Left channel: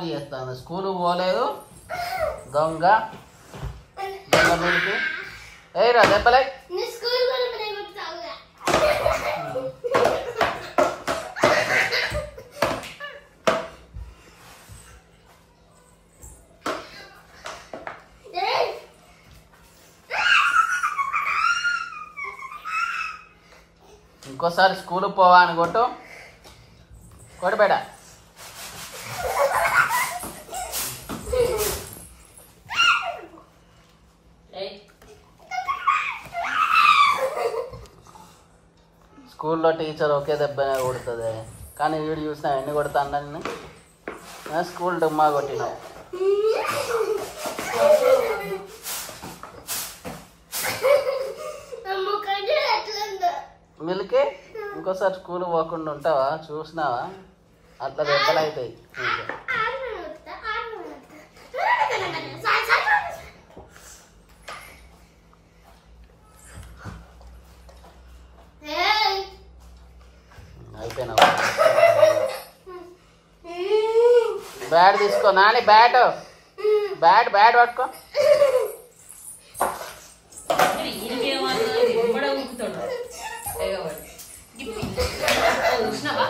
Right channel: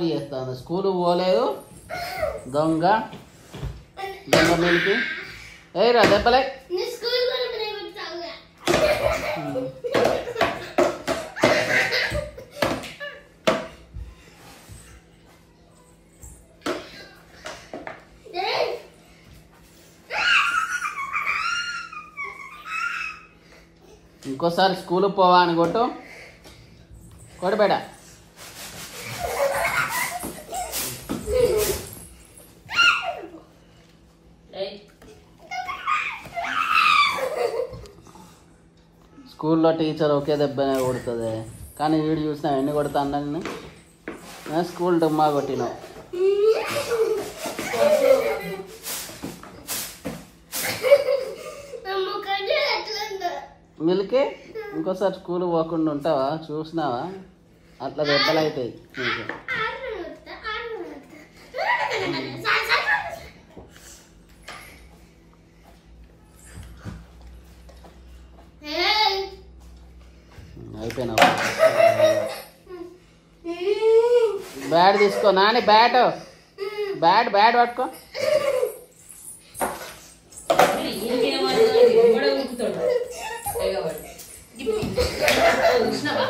Comedy చేస్తాను. School పోలేదు దొంగ ఏ రా దెబ్బలే. ఇంకోసారి స్కూల్ పోవా అని కొట్టు కొడబేడ. స్కూల్లో టీచర్ ఒకే దెబ్బ కొడుతుంది కానీ వీడు చూసినా ఎన్ని కొడతా అన్నీ స్కూల్ డమ్మా కొట్టిన. మిల్కే ఇంకోసారి స్కూల్ పోకుండా ఉంటావా? చూసినావా అట్లా దెబ్బలు అవుతాయి. బ్యాట్ తీసుకో నాని. బ్యాట్ బ్యాట్ బ్యాట్ పట్టుకో. చూసినావా